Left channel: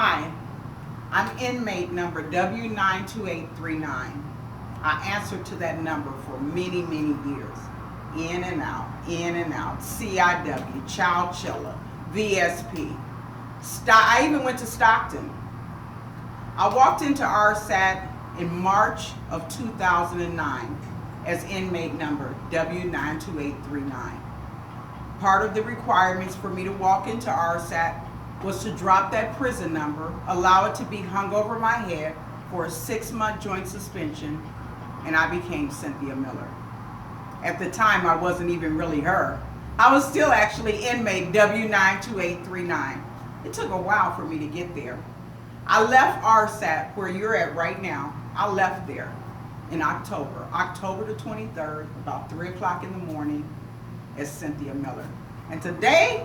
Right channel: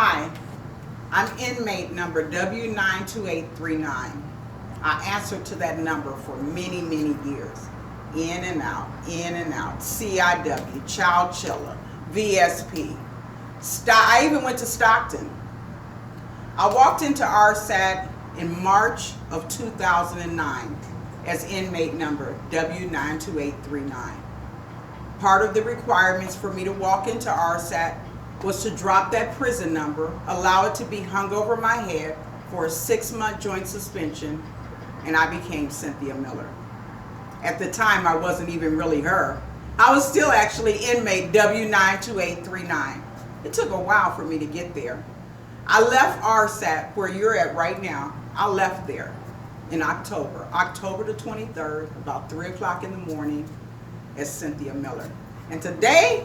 Hi, I'm inmate number W92839. I answered to that number for many, many years. In and out, CIW, Child Chiller, VSP. I even went to Stockton. I walked into Rsat in March of 2009 as inmate number W92839. Part of the requirements for me to walk into Rsat was to drop that prison number, allow it to be hung over my head for a 6-month joint suspension, and I became Cynthia Miller. At the time, I wasn't even really her. I was still actually inmate W92839. It took a while for me to get there. I left Rsat, where you're at right now. I left there in October the 23rd, about 3 o'clock in the morning, as Cynthia Miller. And today,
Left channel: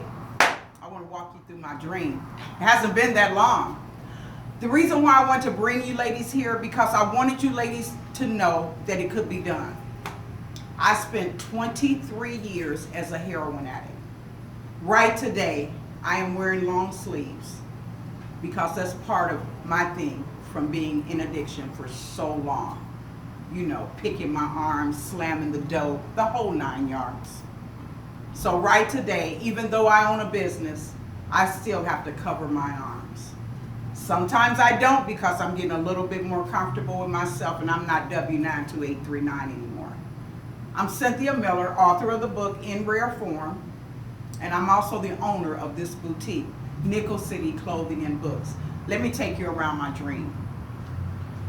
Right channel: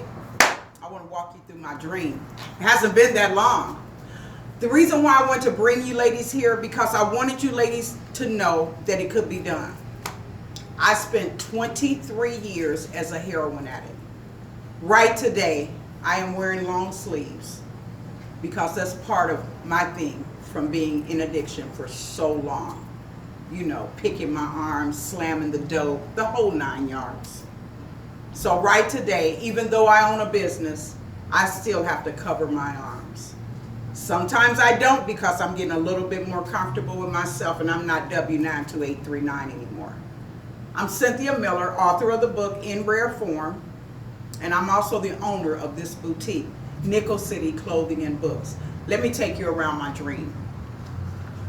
I want to walk you through my dream. It hasn't been that long. The reason why I want to bring you ladies here, because I wanted you ladies to know that it could be done. I spent 23 years as a heroin addict. Right today, I am wearing long sleeves because that's part of my thing from being in addiction for so long. You know, picking my arms, slamming the dope, the whole 9 yards. So right today, even though I own a business, I still have to cover my arms. Sometimes I don't because I'm getting a little bit more comfortable with myself and I'm not W92839 anymore. I'm Cynthia Miller, author of the book In Rare Form, and I'm also the owner of this boutique, Nickel City Clothing and Books. Let me take you around my dream.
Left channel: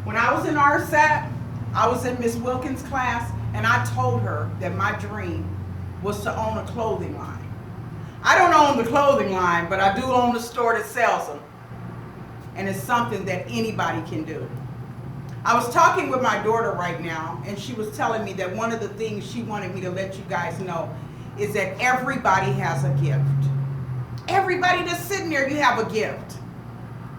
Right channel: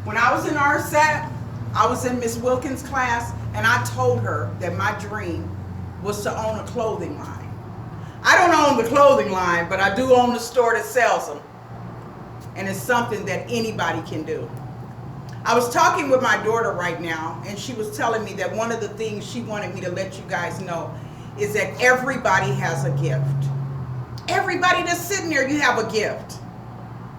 When I was in Rsat, I was in Miss Wilkins' class, and I told her that my dream was to own a clothing line. I don't own the clothing line, but I do own the store that sells them. And it's something that anybody can do. I was talking with my daughter right now, and she was telling me that one of the things she wanted me to let you guys know is that everybody has a gift. Everybody that's sitting there, you have a gift.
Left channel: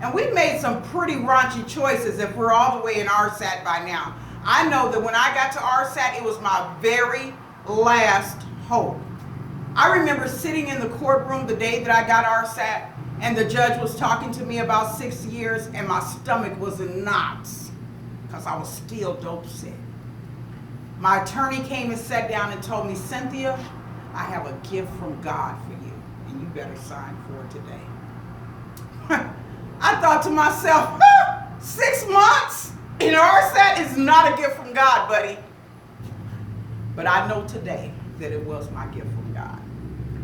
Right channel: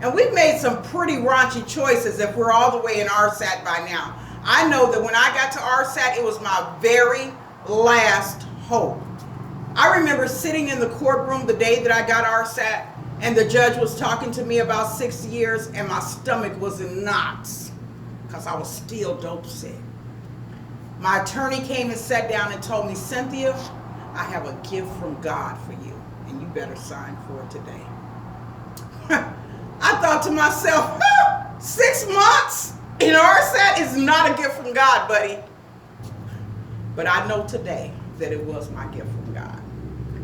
And we've made some pretty raunchy choices if we're all the way in Rsat by now. I know that when I got to Rsat, it was my very last hope. I remember sitting in the courtroom the day that I got Rsat, and the judge was talking to me about 6 years, and my stomach was in knots because I was still dope sick. My attorney came and sat down and told me, Cynthia, I have a gift from God for you, and you better sign for it today. I thought to myself, 6 months in Rsat is not a gift from God, buddy. But I know today that it was my gift from God.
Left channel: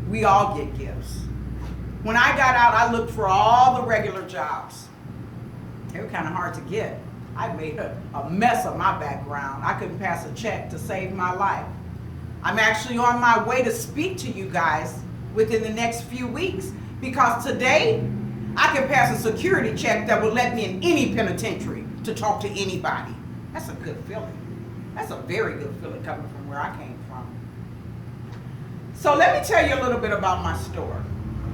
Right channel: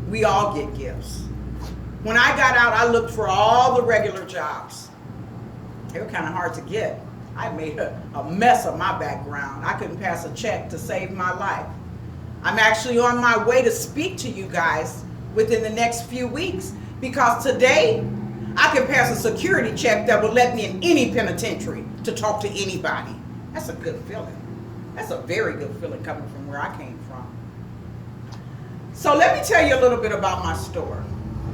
We all get gifts. When I got out, I looked for all the regular jobs. They were kind of hard to get. I made a mess of my background. I couldn't pass a check to save my life. I'm actually on my way to speak to you guys within the next few weeks because today I can pass a security check that will let me in any penitentiary to talk to anybody. That's a good feeling. That's a very good feeling coming from where I came from. So let me tell you a little bit about my store.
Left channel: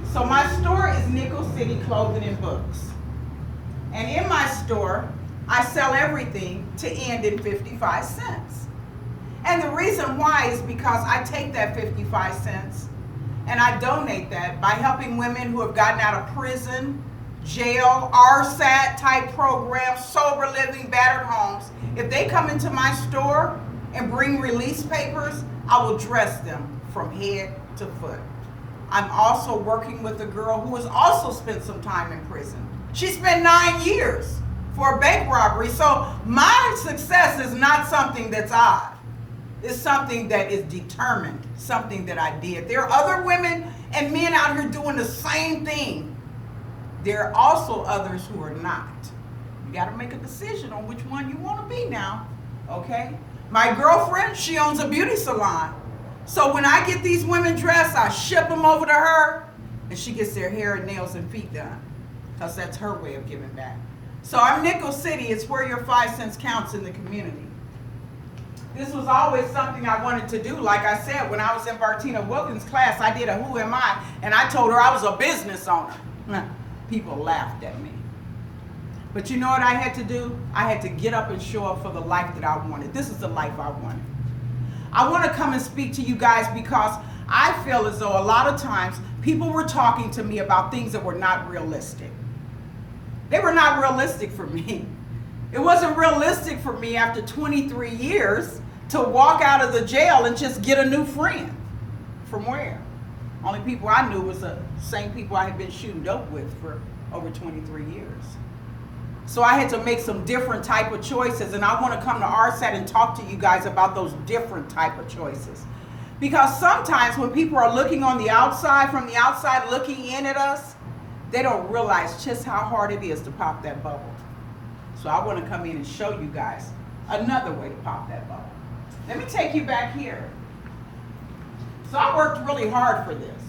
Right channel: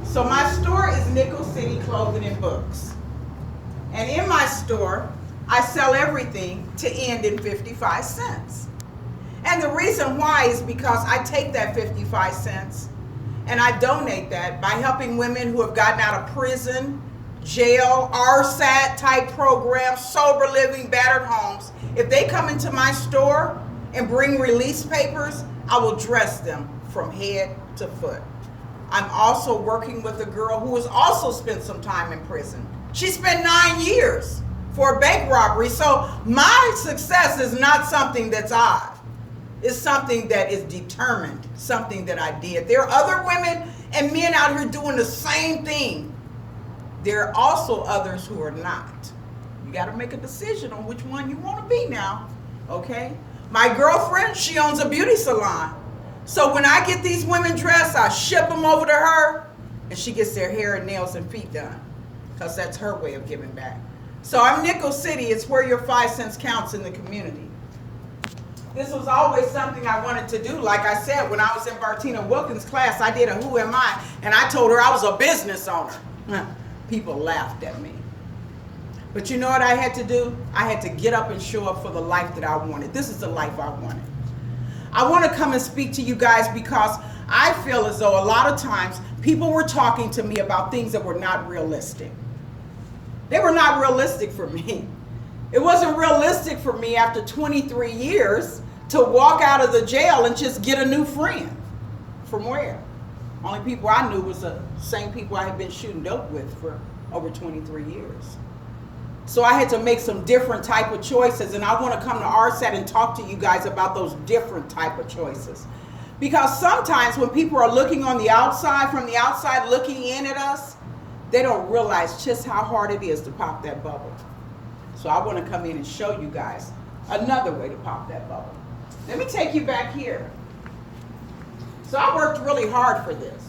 So my store is Nickel City Clothing and Books. And in my store, I sell everything to end in 55 cents. And the reason why is because I take that 55 cents and I donate that by helping women who have gotten out of prison, jail, Rsat type programs, sober living, battered homes. If they come into my store and bring release papers, I will dress them from head to foot. I'm also working with a girl who has also spent some time in prison. She spent 9 years for a bank robbery. So my success is not something that's odd. It's something that is determined, something that I did. There are other women and men out here doing the same thing. There are also others who are not. You got to make a decision on which one you want to be now, okay? My girlfriend, she owns a beauty salon. So when I get these women dressed, I ship them over to her, and she gets their hair and nails and feet done, because that's her way of giving back. So I'm Nickel City. It's where your 5 cents counts in the community. This was always something I wanted to do. Like I said, when I was in Bartina Wilkins' class, I did a Who Am I? And I told her I was a business owner. People laughed at me. But you know what I had to do? I had to get up and show up for the life that I wanted. This is the life I wanted. I want to come and speak to you guys because I feel as though a lot of times people were talking to me about things that were not realistic. They were not realistic for me. It wasn't realistic for me after 23 years to walk out of the jail and just get a new friend. From where? Only people I knew was the same people I had been shooting dope with for over 23 years. So I had to make some different type of choices, and I want to come to Rsat and talk to you guys about those different type of choices. Because sometimes when people are looking on the outside, from the outside looking in at us, they don't realize just how hard it is to pop that bubble. So I want to come in and show you guys another way to pop that bubble. Let me take you back here. So I worked really hard for this.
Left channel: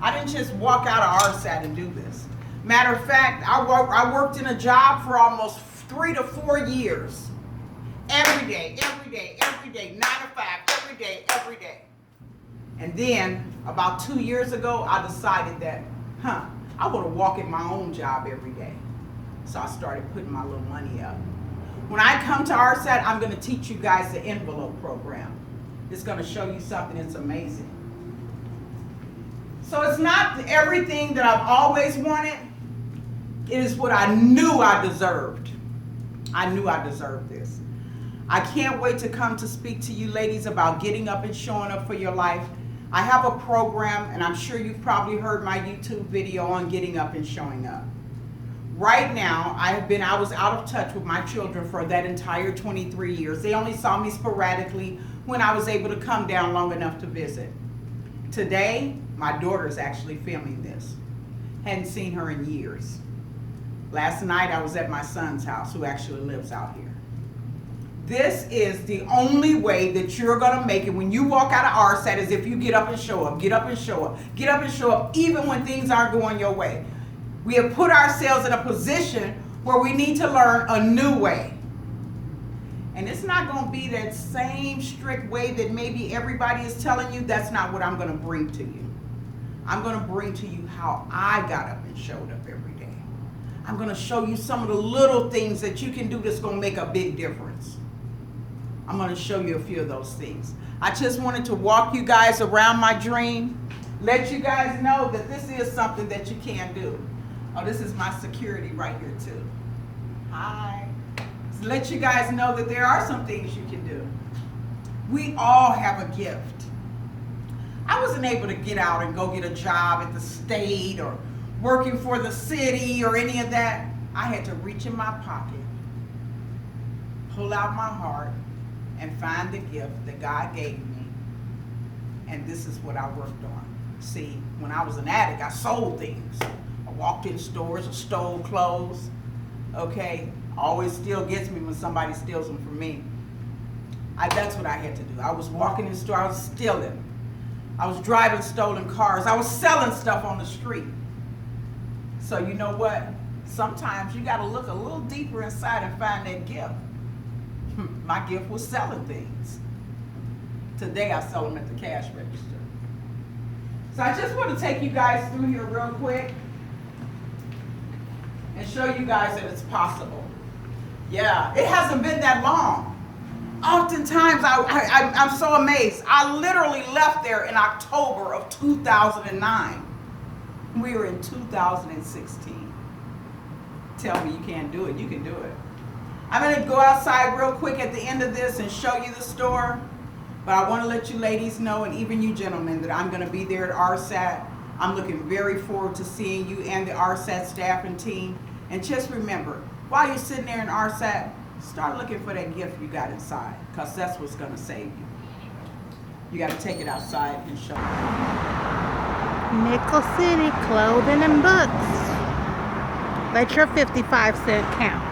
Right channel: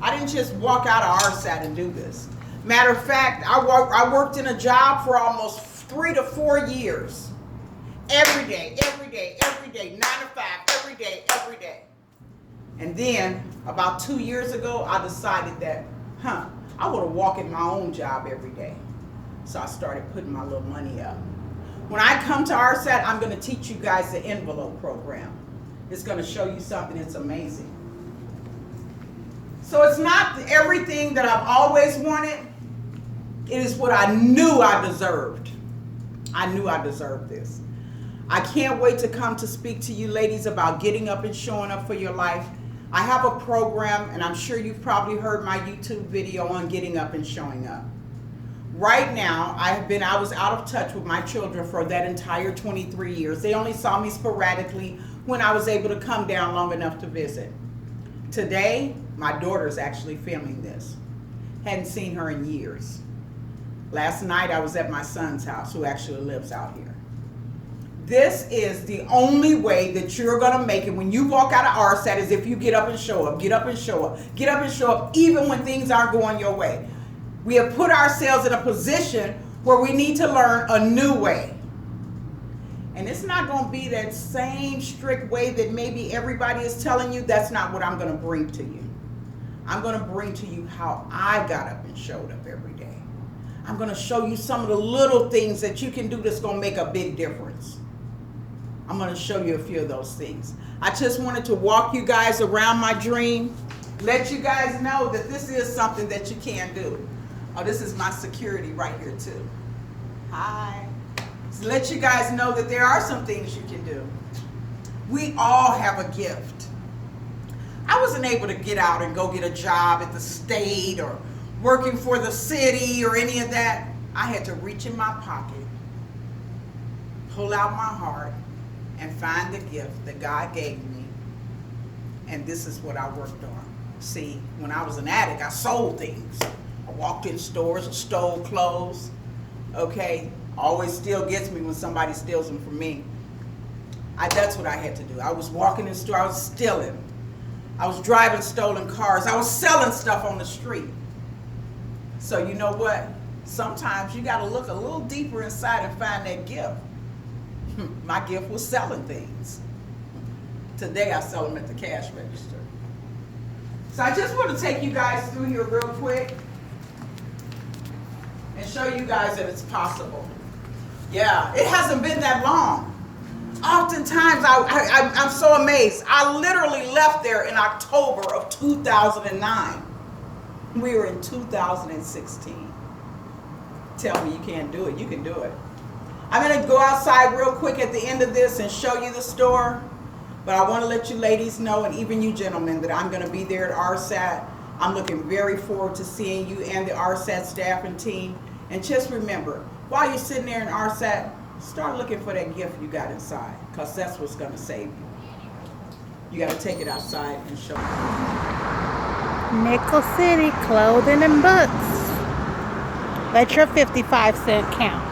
I didn't just walk out of Rsat and do this. Matter of fact, I worked in a job for almost 3 to 4 years. Every day, 9 to 5, every day. And then about 2 years ago, I decided that, I want to walk in my own job every day. So I started putting my little money up. When I come to Rsat, I'm going to teach you guys the envelope program. It's going to show you something that's amazing. So it's not everything that I've always wanted. It is what I knew I deserved. I knew I deserved this. I can't wait to come to speak to you ladies about getting up and showing up for your life. I have a program, and I'm sure you've probably heard my YouTube video on getting up and showing up. Right now, I was out of touch with my children for that entire 23 years. They only saw me sporadically when I was able to come down long enough to visit. Today, my daughter's actually filming this. Hadn't seen her in years. Last night, I was at my son's house, who actually lives out here. This is the only way that you're going to make it when you walk out of Rsat, is if you get up and show up, get up and show up, get up and show up, even when things aren't going your way. We have put ourselves in a position where we need to learn a new way. And it's not going to be that same strict way that maybe everybody is telling you. That's not what I'm going to bring to you. I'm going to bring to you how I got up and showed up every day. I'm going to show you some of the little things that you can do that's going to make a big difference. I'm going to show you a few of those things. I just wanted to walk you guys around my dream, let you guys know that this is something that you can do. Oh, this is my security right here too. Hi. So let you guys know that there are some things you can do. We all have a gift. I wasn't able to get out and go get a job at the state or working for the city or any of that. I had to reach in my pocket, pull out my heart, and find the gift that God gave me. And this is what I worked on. See, when I was an addict, I sold things. I walked in stores and stole clothes. Okay, always still gets me when somebody steals them from me. That's what I had to do. I was walking in the store, I was stealing. I was driving stolen cars. I was selling stuff on the street. So you know what? Sometimes you got to look a little deeper inside and find that gift. My gift was selling things. Today I sell them at the cash register. So I just want to take you guys through here real quick and show you guys that it's possible. Yeah, it hasn't been that long. Oftentimes I'm so amazed. I literally left there in October of 2009. We were in 2016. Tell me you can't do it. You can do it. I'm going to go outside real quick at the end of this and show you the store. But I want to let you ladies know, and even you gentlemen, that I'm going to be there at Rsat. I'm looking very forward to seeing you and the Rsat staff and team. And just remember, while you're sitting there in Rsat, start looking for that gift you got inside, because that's what's going to save you. You got to take it outside and show it. Nickel City Clothing and Books. Let your 55 cent count.